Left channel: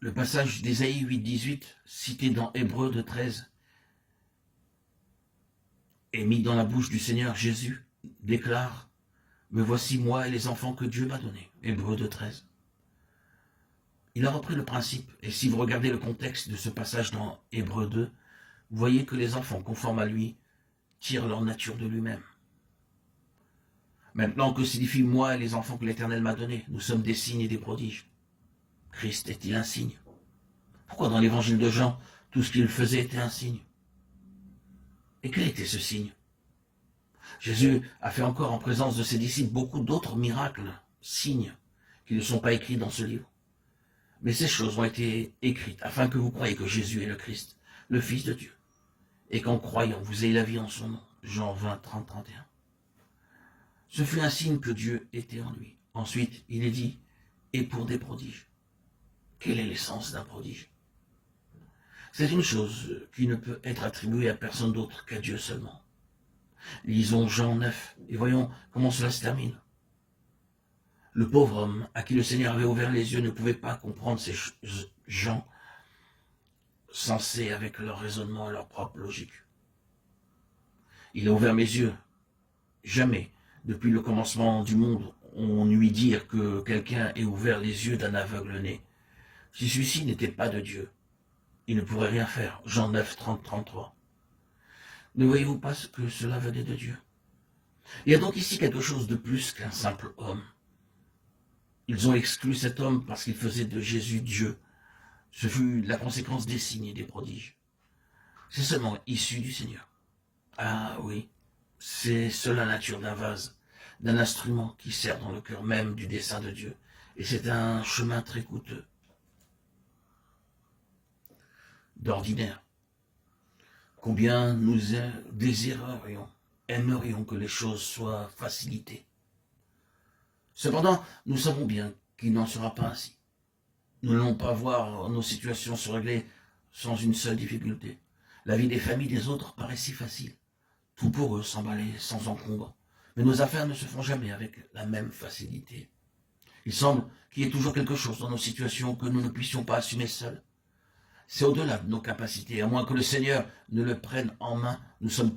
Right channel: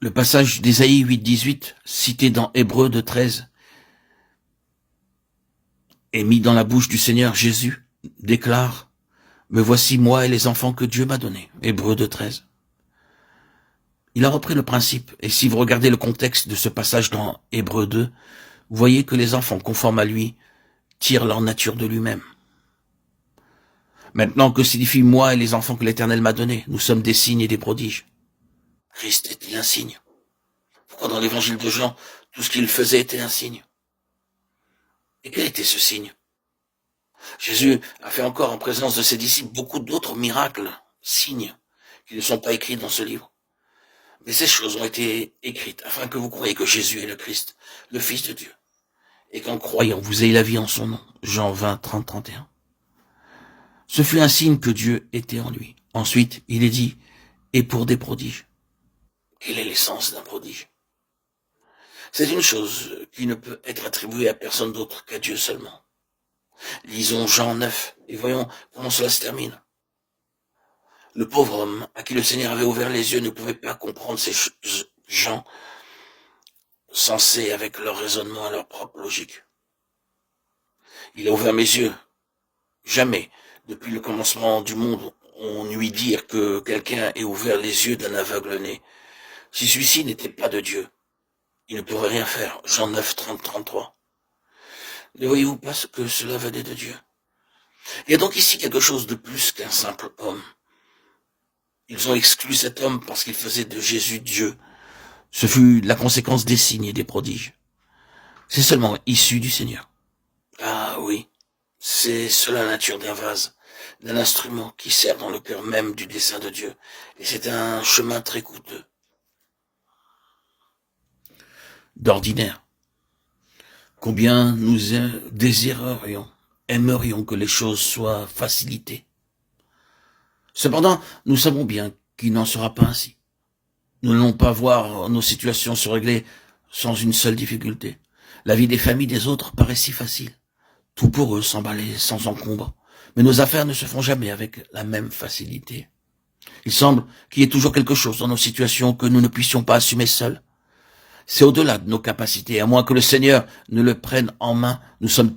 Le passage d'Ésaïe 8,18, cité dans Hébreux 2,13, et mis dans la bouche du Seigneur Jésus, déclare « Me voici moi et les enfants que Dieu m'a donnés ». Hébreux 2,13. Il a repris le principe, et si vous regardez le contexte de ce passage dans Hébreux 2, vous voyez que les enfants conformes à lui tirent leur nature de lui-même. Maintenant, que signifie moi et les enfants que l'Éternel m'a donnés? Nous sommes des signes et des prodiges. Christ est-il un signe? Pourquoi dans l'évangile de Jean, tout ce qu'il faisait était un signe? Et quel était ce signe? Jésus a fait encore en présence de ses disciples beaucoup d'autres miracles, signes, qui ne sont pas écrits dans ce livre. Mais ces choses ont été écrites afin que vous croyiez que Jésus est le Christ, le Fils de Dieu, et qu'en croyant, vous ayez la vie en son nom. Jean 20, 30, 31. Ce fut un signe que Dieu était en lui. Ensuite, il est dit, et pour des prodiges. Quelle est l'essence d'un prodige? C'est une chose qui ne peut être attribuée à personne d'autre qu'à Dieu seulement. Lisons Jean 9 et voyons comment cela se termine. Le pauvre homme à qui le Seigneur avait ouvert les yeux ne pouvait pas comprendre ces gens sensés avec leur raisonnement et leur propre logique. Il a ouvert mes yeux. Jamais, depuis le commencement du monde, on lui dire que quelqu'un ait ouvert les yeux d'un aveugle-né. Si celui-ci n'était pas de Dieu, il ne pourrait rien faire. Jean 9, 30, 33. Ne voyez-vous pas que cela venait de Dieu? Il y a donc ici quelque chose de plus qu'un simple homme. Ils ont exclu cet homme parce qu'il faisait de Jésus Dieu. Ce fut la conséquence des signes et des prodiges. C'est seulement issu du Seigneur. Ah oui, c'est cela la nature d'un vase, d'un instrument qui sert dans le cœur même du dessein de Dieu. Et c'est un chemin très coûteux. D'ordinaire, combien nous désirerions, aimerions que les choses soient facilitées. Cependant, nous savons bien qu'il n'en sera pas ainsi. Nous n'allons pas voir nos situations se régler sans une seule difficulté. La vie des familles des autres paraît si facile. Tout pour eux s'emballer sans encombre. Mais nos affaires ne se font jamais avec la même facilité. Il semble qu'il y ait toujours quelque chose dans nos situations que nous ne puissions pas assumer seuls. C'est au-delà de nos capacités. À moins que le Seigneur ne le prenne en main, nous sommes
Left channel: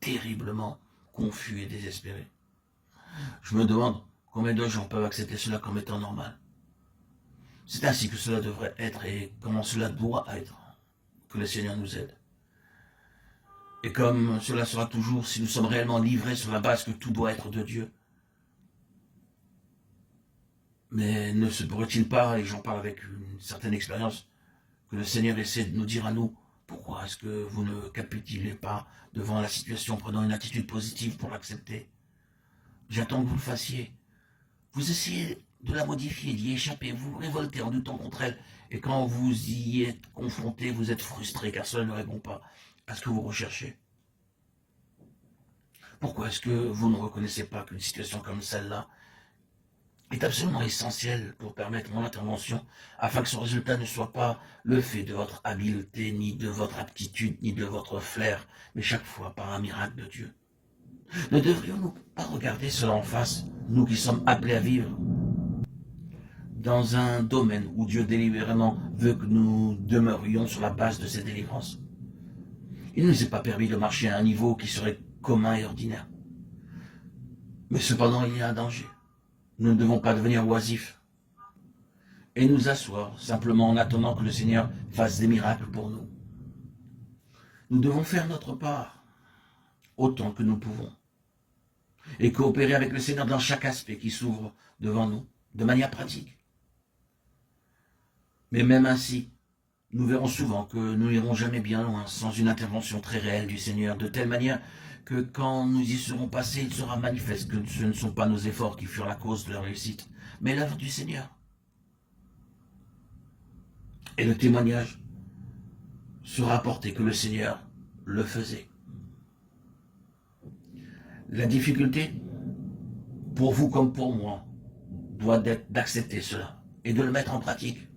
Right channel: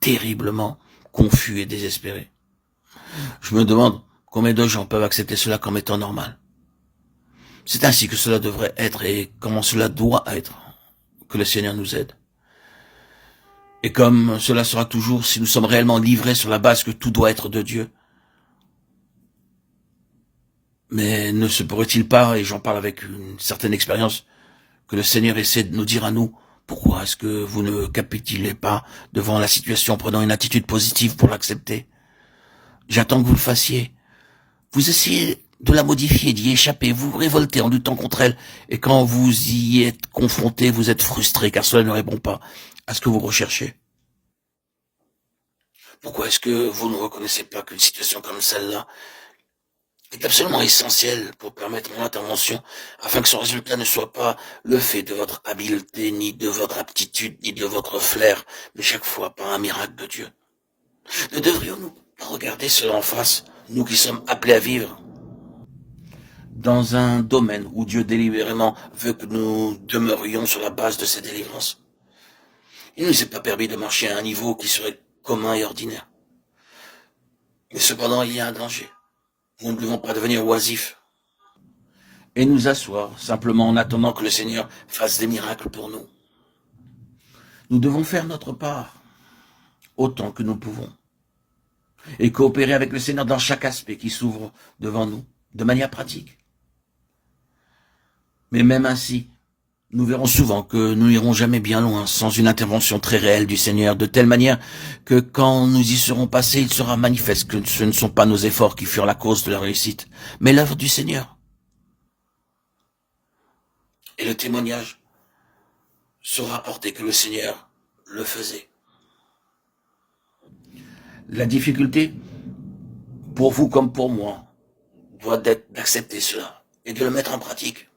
terriblement confus et désespérés. Je me demande combien de gens peuvent accepter cela comme étant normal. C'est ainsi que cela devrait être et comment cela doit être, que le Seigneur nous aide. Et comme cela sera toujours si nous sommes réellement livrés sur la base que tout doit être de Dieu. Mais ne se pourrait-il pas, et j'en parle avec une certaine expérience, que le Seigneur essaie de nous dire à nous, pourquoi est-ce que vous ne capitulez pas devant la situation en prenant une attitude positive pour l'accepter? J'attends que vous le fassiez. Vous essayez de la modifier, d'y échapper, vous vous révoltez en luttant contre elle, et quand vous y êtes confronté, vous êtes frustré, car cela ne répond pas à ce que vous recherchez. Pourquoi est-ce que vous ne reconnaissez pas qu'une situation comme celle-là est absolument essentielle pour permettre mon intervention, afin que son résultat ne soit pas le fait de votre habileté, ni de votre aptitude, ni de votre flair, mais chaque fois par un miracle de Dieu? Ne devrions-nous pas regarder cela en face, nous qui sommes appelés à vivre dans un domaine où Dieu délibérément veut que nous demeurions sur la base de ses délivrances? Il ne nous est pas permis de marcher à un niveau qui serait commun et ordinaire. Mais cependant, il y a un danger. Nous ne devons pas devenir oisifs et nous asseoir simplement en attendant que le Seigneur fasse des miracles pour nous. Nous devons faire notre part autant que nous pouvons et coopérer avec le Seigneur dans chaque aspect qui s'ouvre devant nous, de manière pratique. Mais même ainsi, nous verrons souvent que nous n'irons jamais bien loin sans une intervention très réelle du Seigneur, de telle manière que quand nous y serons passés, il sera manifeste que ce ne sont pas nos efforts qui furent la cause de la réussite, mais l'œuvre du Seigneur. Et le témoignage sera apporté que le Seigneur le faisait. La difficulté, pour vous comme pour moi, doit être d'accepter cela et de le mettre en pratique.